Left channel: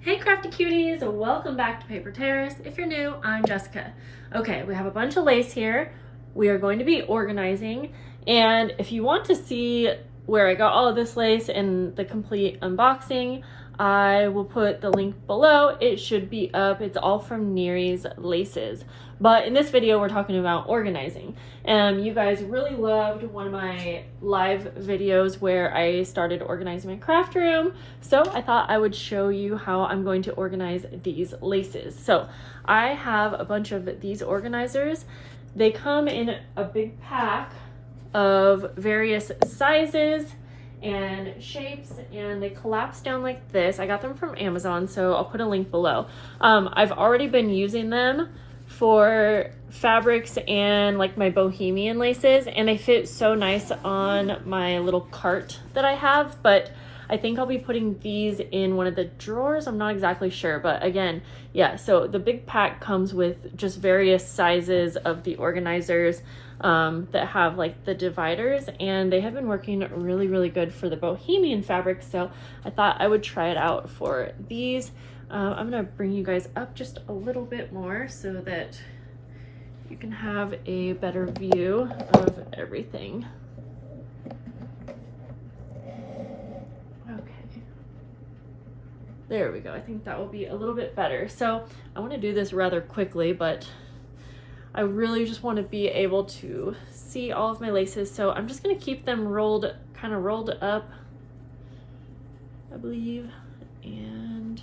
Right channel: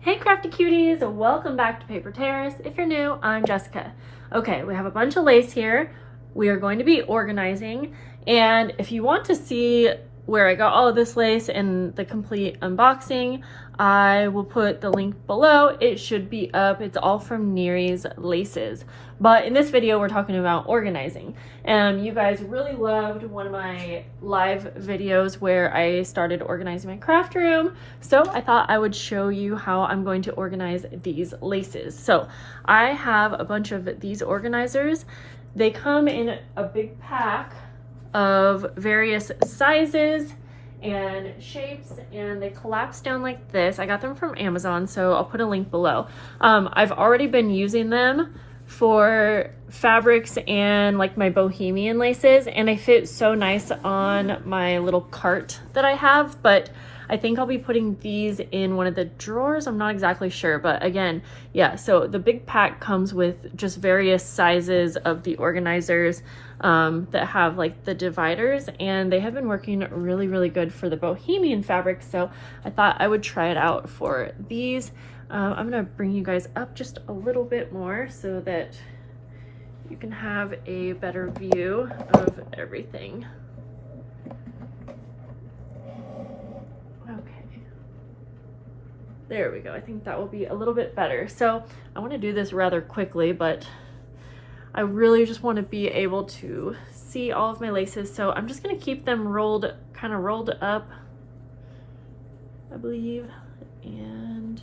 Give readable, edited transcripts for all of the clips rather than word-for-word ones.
Hey crafty cuties, welcome back to Paper Terrace. If you're new, I'm Jessica. Okay, we have a bunch of lace here. We are going to be organizing, and if you want to see where I got all of this lace and the complete unboxing, I will put the link below. It should be up. It's all from Neary's Laces. But in this video, we're talking about organizing. You guys really loved one of my live videos where I started organizing my craft room. So I thought I would show you how I'm going to organize these laces. So I have a bunch of these organizers. They come in a big pack of various sizes and shapes, and they collapse down like this. I got them from Amazon, so I'll put a link below. I've already been using them for fabrics and like my bohemian laces, and they fit so nice on my little cart that I have, but I think I'll be putting these in one of the drawers. I'm not exactly sure, but again, yeah, so the big pack comes with just various sizes of the organizers that have like the dividers, and they have been working really good for the bohemian fabric, so I thought I would try it out for these. I'm gonna bring you guys up just a little bit more so that you can have a better view of everything. Okay, there we go. I think that will be a little bit better. So I want to do this rather quickly, but I really just want to be able to see all of my laces. So I'm just going to keep them kind of rolled up, I believe, and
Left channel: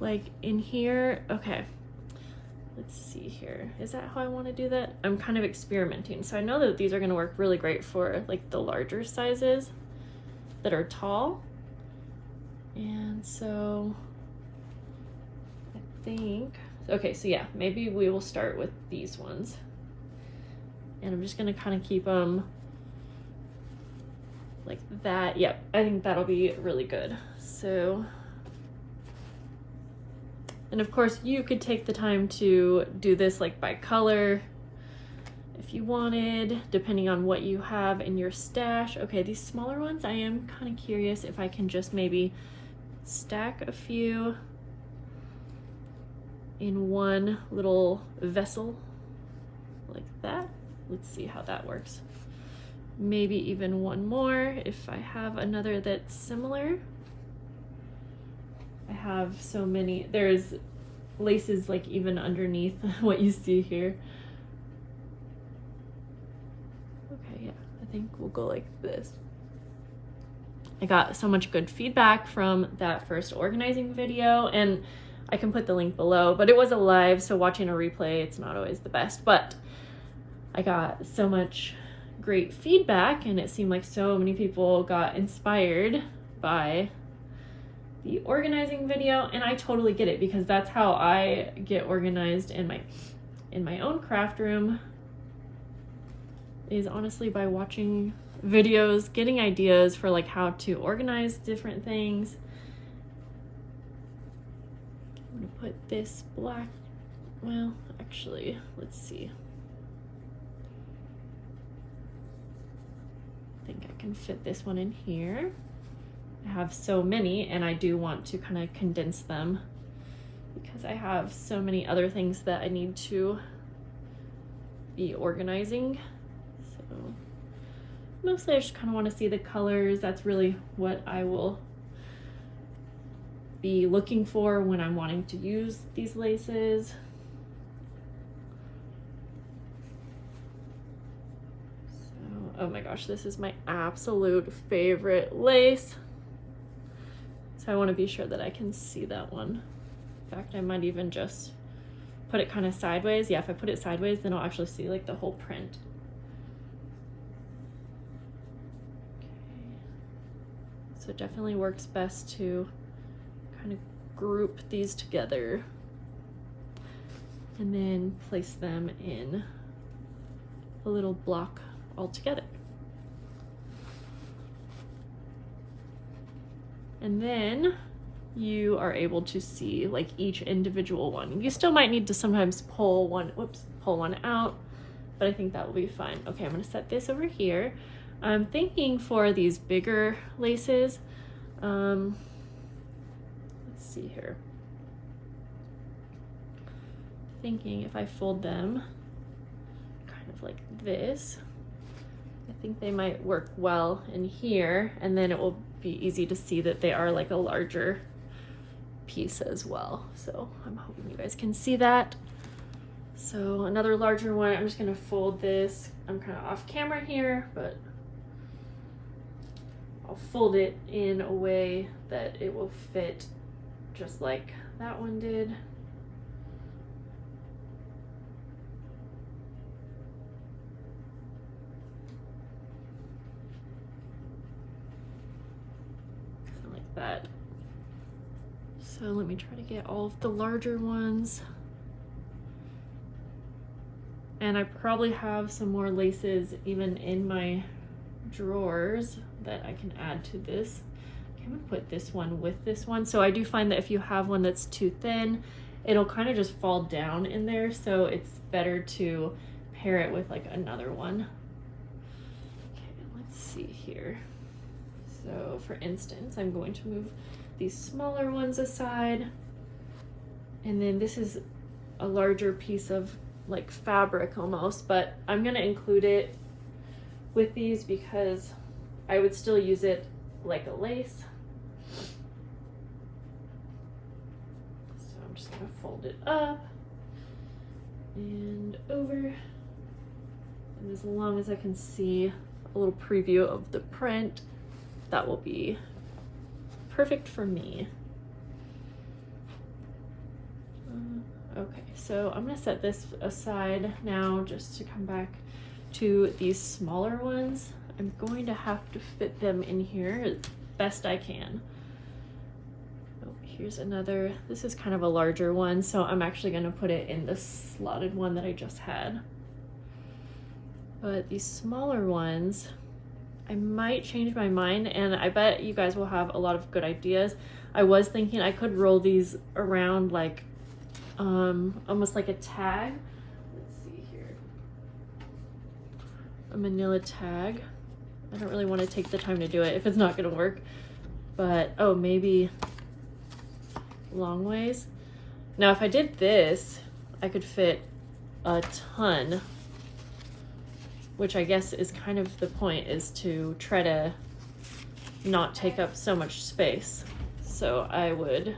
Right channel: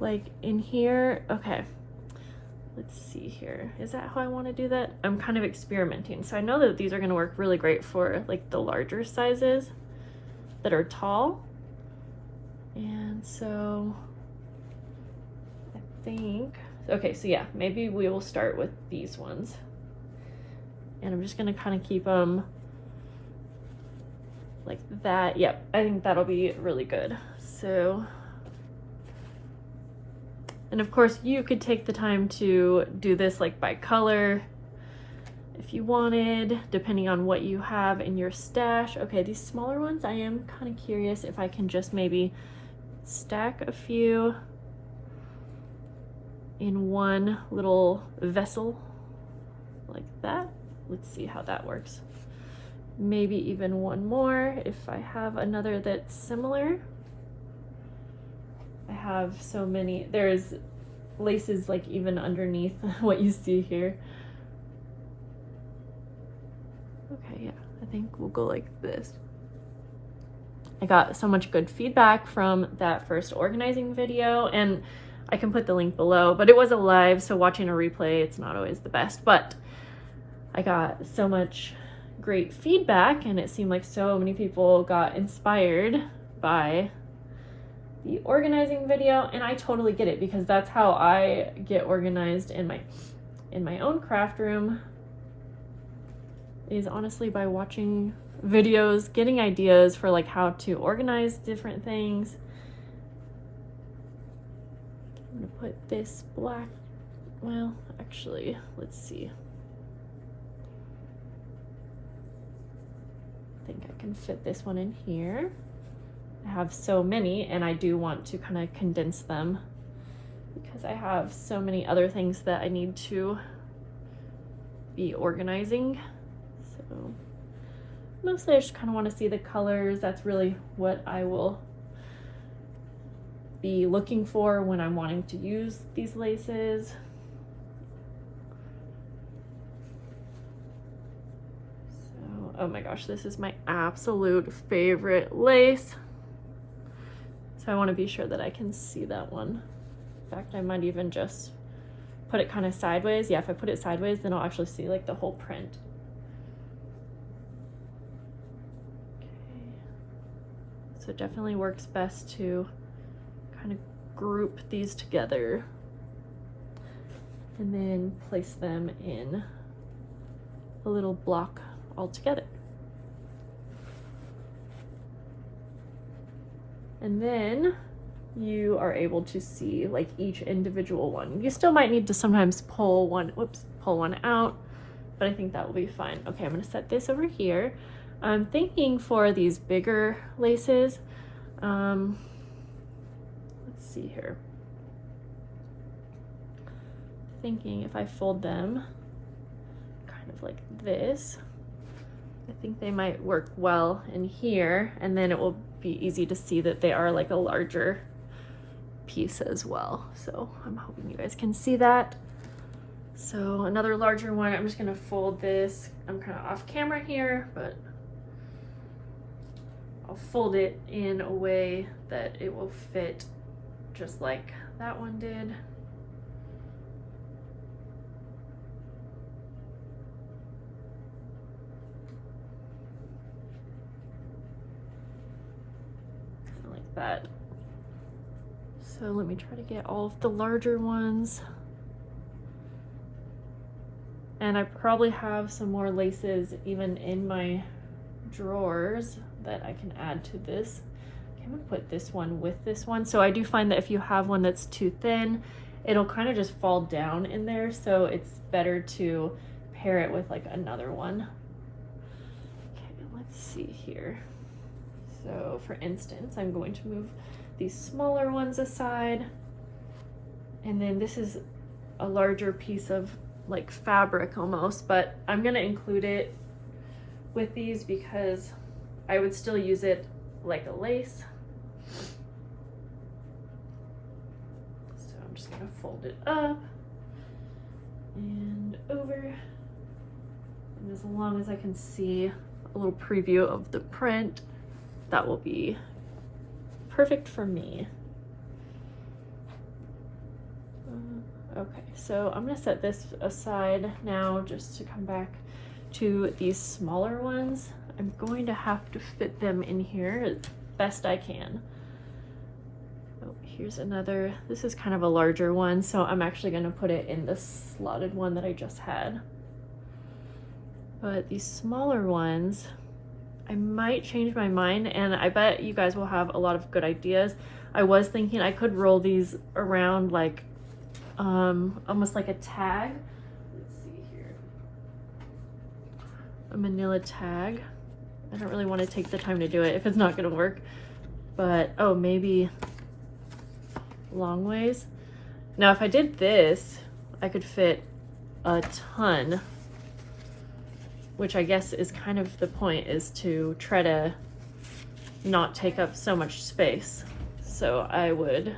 like in here. Okay, let's see here. Is that how I want to do that? I'm kind of experimenting. So I know that these are going to work really great for like the larger sizes that are tall. And so I think, okay, so yeah, maybe we will start with these ones. And I'm just gonna kind of keep them like that. Yeah, I think that'll be really good. So, and of course you could take the time to do this like by color if you wanted, depending on what you have in your stash. Okay, these smaller ones, I am kind of curious if I can just maybe stack a few in one little vessel like that. Let's see how that works. Maybe even one more if I have another that's similar. I have so many. There's laces like even underneath what you see here. Okay, yeah, I think we'll go like this. I got so much good feedback from that first organizing video, and I can put the link below, but it was a live, so watching a replay, it's not always the best, but I got so much great feedback, and it seemed like so many people got inspired by the organizing video, and I totally get it, because that's how I get organized in my own craft room, is honestly by watching videos, getting ideas for like how to organize different things. I'm gonna put this black, well, actually, let's see. I think I can fit this one in here. I have so many, and I do want to kind of condense them because I have so many other things that I need to be organizing. So mostly I just kind of want to see the colors. That's really what I will be looking for when I'm wanting to use these laces. So, oh my gosh, this is my absolute favorite lace. So I want to be sure that I can see that one. In fact, I might even just put it kind of sideways. Yeah, if I put it sideways, then I'll actually see like the whole print. So it definitely works best to kind of group these together and then place them in a little block all together. And then you are able to see like each individual one. You still might need to sometimes pull one out, but I think that will be fine. Okay, I'm gonna set this over here. I'm thinking for these bigger laces, let's see here. Thinking if I fold them kind of like this, I think they might work well in here, and then it will be easy to see that they are like a larger piece as well. So I'm hoping you guys can see that. So another larger one, I'm just gonna fold this. I'm kind of off camera here, but I'll fold it in a way that it will fit just like that one did. Like that. So let me try to get all of the larger ones. And I probably have some more laces even in my drawers that I can add to this. I'm gonna put this one with this one. So I do find that if you have one that's too thin, it'll kind of just fall down in there. So it's better to pair it with like another one. Okay, let's see here. So for instance, I'm going to move these smaller ones aside. And then this is a larger piece of like fabric almost, but I'm gonna include it with these because I would still use it like a lace. So I'm just gonna fold it up and over. And as long as I can see a little preview of the print, that will be perfect for me. Okay, so I'm gonna set this aside now just to come back to these smaller ones. I'm going to have to fit them in here as best I can. Oh, here's another, this is kind of a larger one, so I'm actually gonna put it in the slotted one that I just had. But these smaller ones, I might change my mind, and I bet you guys will have a lot of good ideas. I was thinking I could roll these around like almost like a tag. Let's see here. A manila tag. I don't really want to take the time to do it if it's not going to work. But, oh, maybe long ways. Now, if I did this, I could fit a ton, which I guess is kind of the point, is to try to not take up so much space. So I would,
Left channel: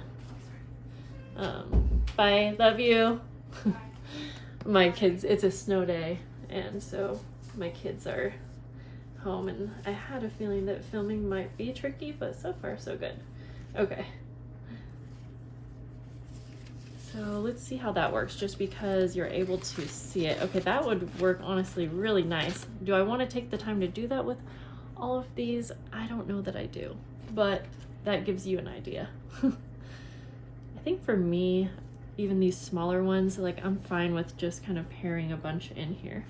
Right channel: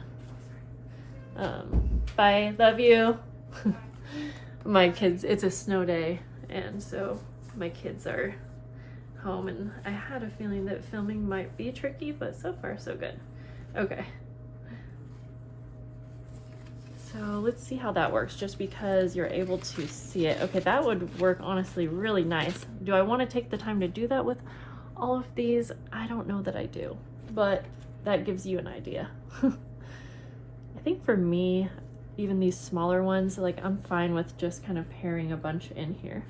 bye, love you. My kids, it's a snow day, and so my kids are home, and I had a feeling that filming might be tricky, but so far so good. Okay. So let's see how that works, just because you're able to see it. Okay, that would work honestly really nice. Do I want to take the time to do that with all of these? I don't know that I do, but that gives you an idea. I think for me, even these smaller ones, like I'm fine with just kind of pairing a bunch in here,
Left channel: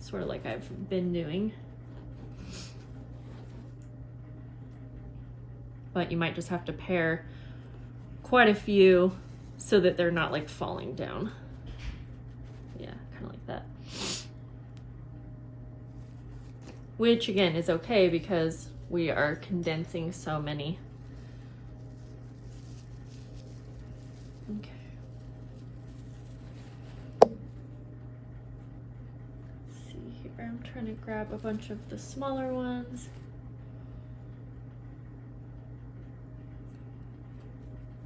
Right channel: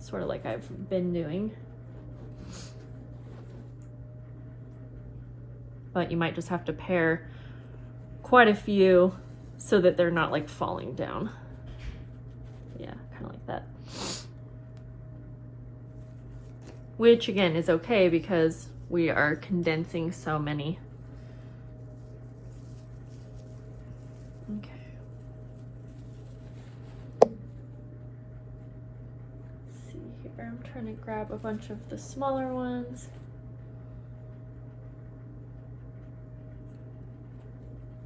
sort of like I've been doing. But you might just have to pair quite a few so that they're not like falling down. Yeah, kind of like that. Which again is okay because we are condensing so many. Okay. Let's see here, I'm trying to grab a bunch of the smaller ones.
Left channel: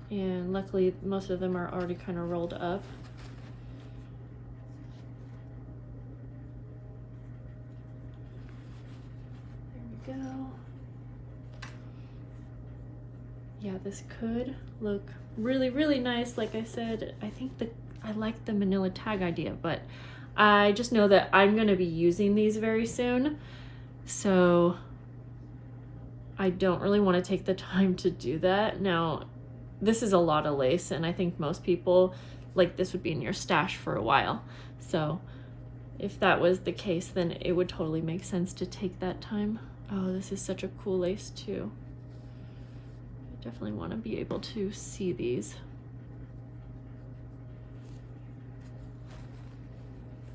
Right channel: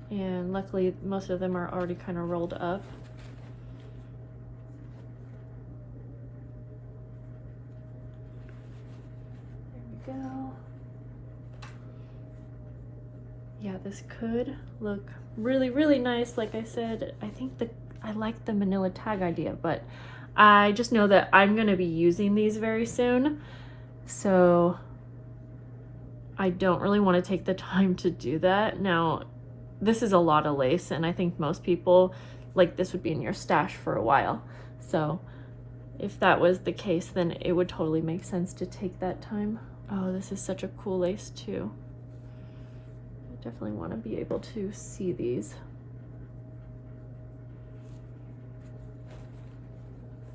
And luckily most of them are already kind of rolled up. There we go. Yeah, this could look really, really nice. Like I said, I think that I like the manila tag idea, but I just know that I'm going to be using these very soon. So I don't really want to take the time to do that. Now, this is a lot of lace, and I think most people, like, this would be in your stash for a while. So if that was the case, then it would totally make sense to take that time. Oh, this is such a cool lace too. I definitely want to be able to see these.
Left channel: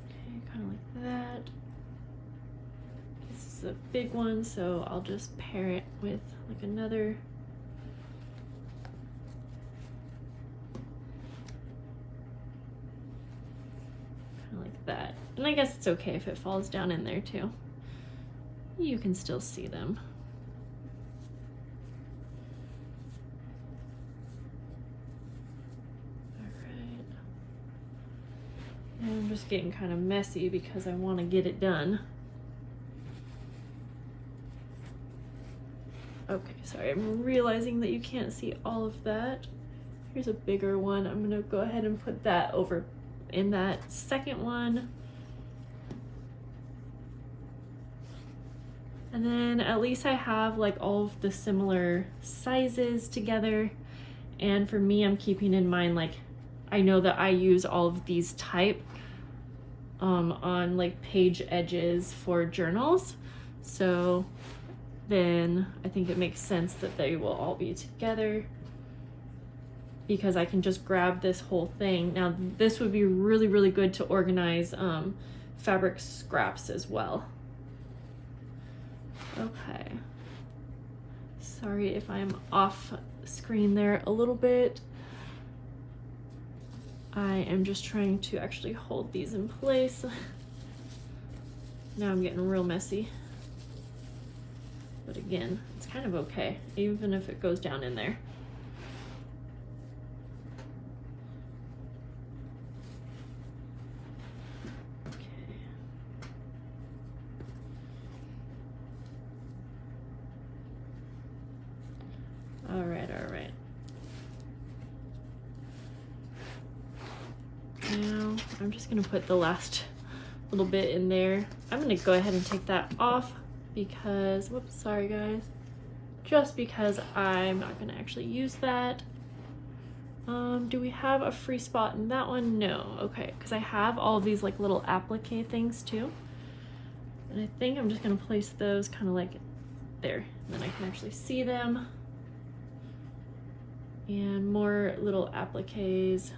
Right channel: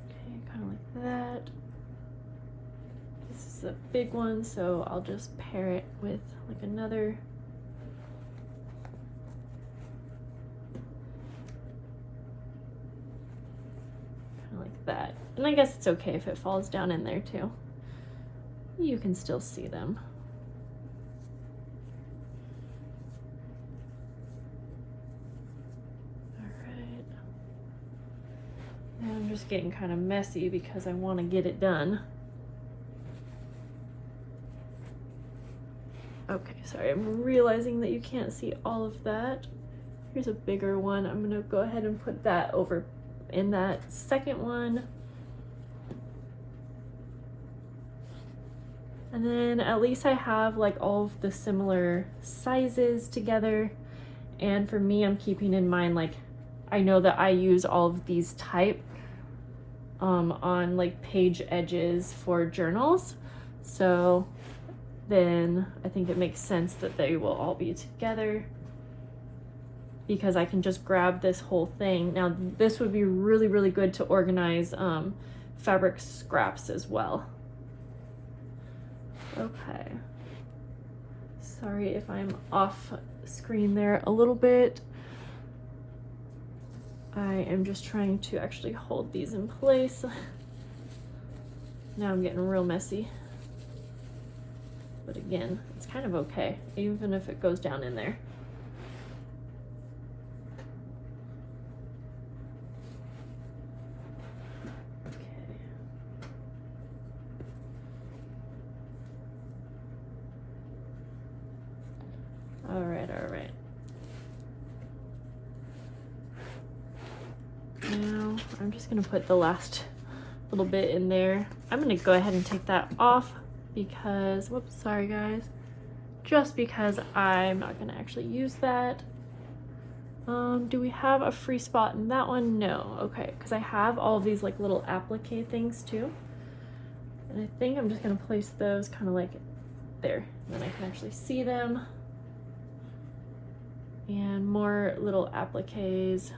Okay, kind of like that. This is a big one, so I'll just pair it with like another And I guess it's okay if it falls down in there too. You can still see them. Alright. I'm just getting kind of messy because I want to get it done. Okay, sorry, I'm realizing that you can't see all of that. Here's a bigger one. I'm gonna go ahead and put that over in that second one. And then at least I have like all of the similar sizes together. And for me, I'm keeping in mind, like, I know that I use all of these type on like page edges for journals. So then I think it makes sense that they will all be together, because I can just grab this whole thing. Now this would be really, really good to organize fabric scraps as well. Okay. Sorry if I'm off screen there a little bit. I am just trying to actually hold these in place. Now I'm getting real messy. But again, it's kind of okay, even if it goes down in there. Okay. All right, all right. Now I'm just gonna put the last little bit in there. I'm gonna go ahead and take that off because, whoops, sorry guys, just because I'm not gonna actually use that. Do we have a free spot in that one? No. Okay, because I have all of these like little applique things too, and I think I'm just gonna place those kind of like there, and then I can actually see them. And more little appliques.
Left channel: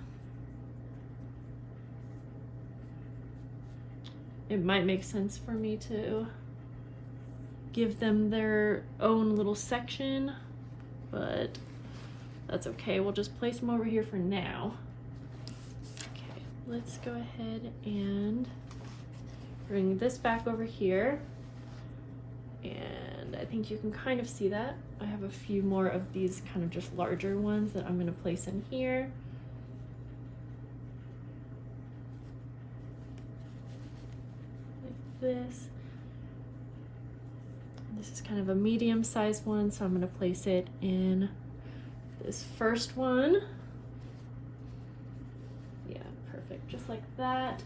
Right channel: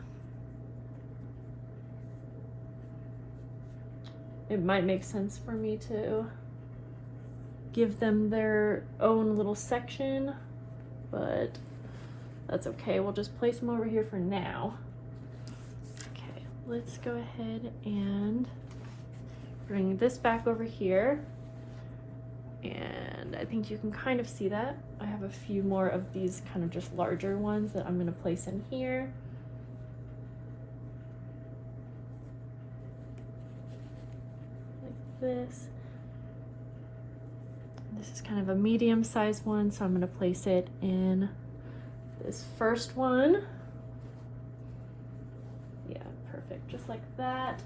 It might make sense for me to give them their own little section, but that's okay. We'll just place them over here for now. Okay, let's go ahead and bring this back over here. And I think you can kind of see that. I have a few more of these kind of just larger ones that I'm gonna place in here. Like this. This is kind of a medium-sized one, so I'm gonna place it in this first one. Yeah, perfect, just like that.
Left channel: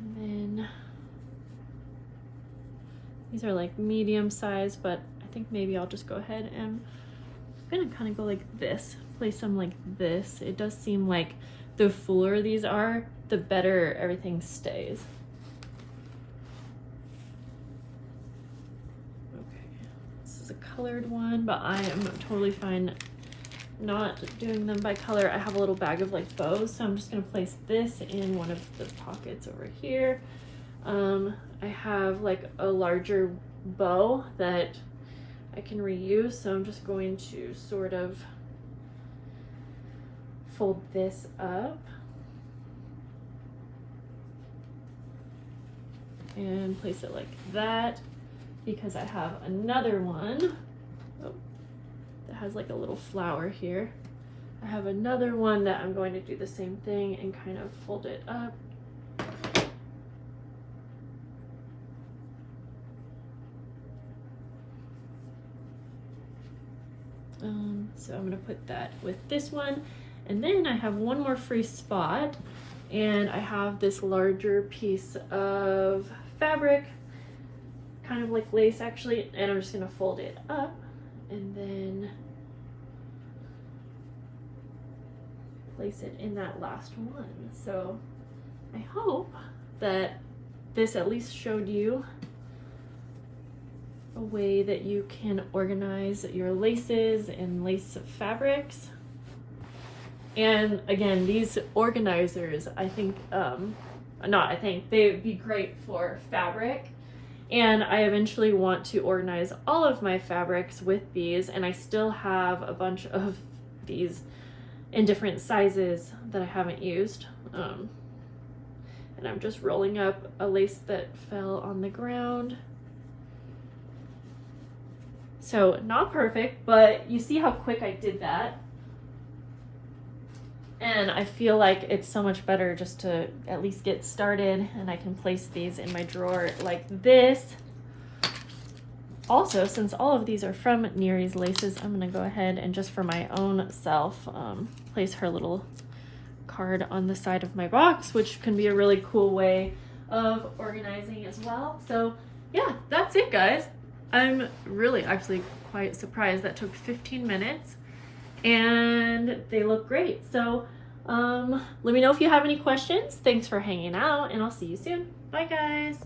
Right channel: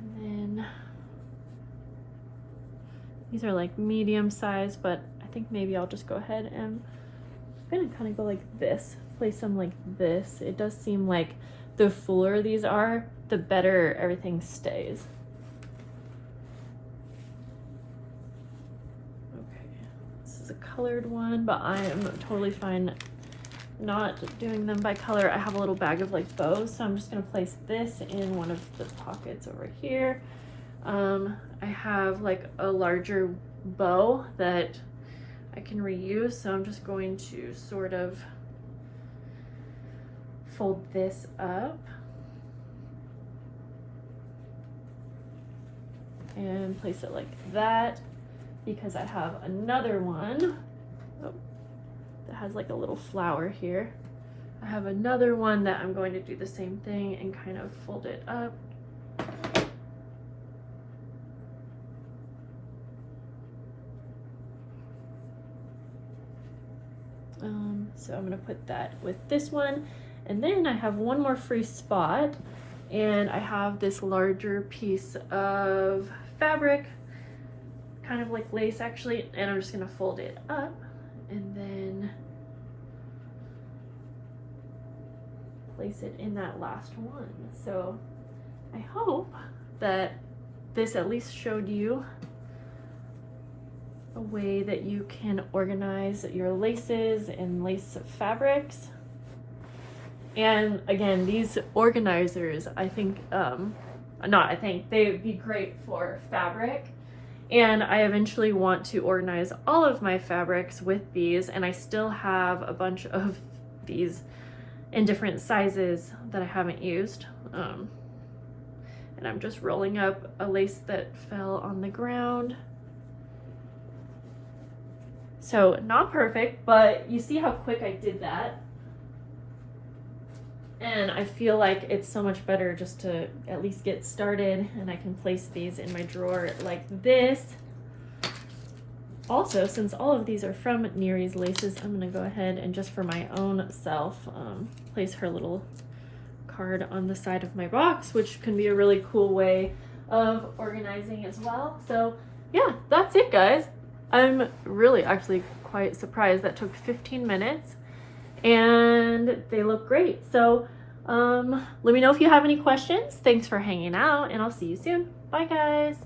And then these are like medium size, but I think maybe I'll just go ahead and I'm gonna kind of go like this, place them like this. It does seem like the fuller these are, the better everything stays. Okay, this is a colored one, but I am totally fine not doing them by color. I have a little bag of like bows, so I'm just gonna place this in one of the pockets over here. I have like a larger bow that I can reuse, so I'm just going to sort of fold this up and place it like that, because I have another one that has like a little flower here. I have another one that I'm going to do the same thing and kind of fold it up. So I'm gonna put that with this one, and then I have one more free spot, and I have this larger piece of fabric, kind of like lace actually, and I'm just gonna fold it up and then place it in that last one. So I hope that this at least showed you a way that you can organize your laces and lace fabrics. And again, these organizers, I think, they would be great for fabric. And I eventually want to organize all of my fabrics with these, and I still have a bunch of these in different sizes that I haven't used. And I'm just rolling up a lace that fell on the ground. So not perfect, but you see how quick I did that. And I feel like it's so much better just to at least get started, and I can place these in my drawer like this. Also, since all of these are from Neri's Laces, I'm gonna go ahead and just for my own self, place her little card on the side of my box, which can be a really cool way of organizing as well. So yeah, that's it, guys. I'm really actually quite surprised that took 15 minutes and they look great. So let me know if you have any questions. Thanks for hanging out, and I'll see you soon. Bye, guys.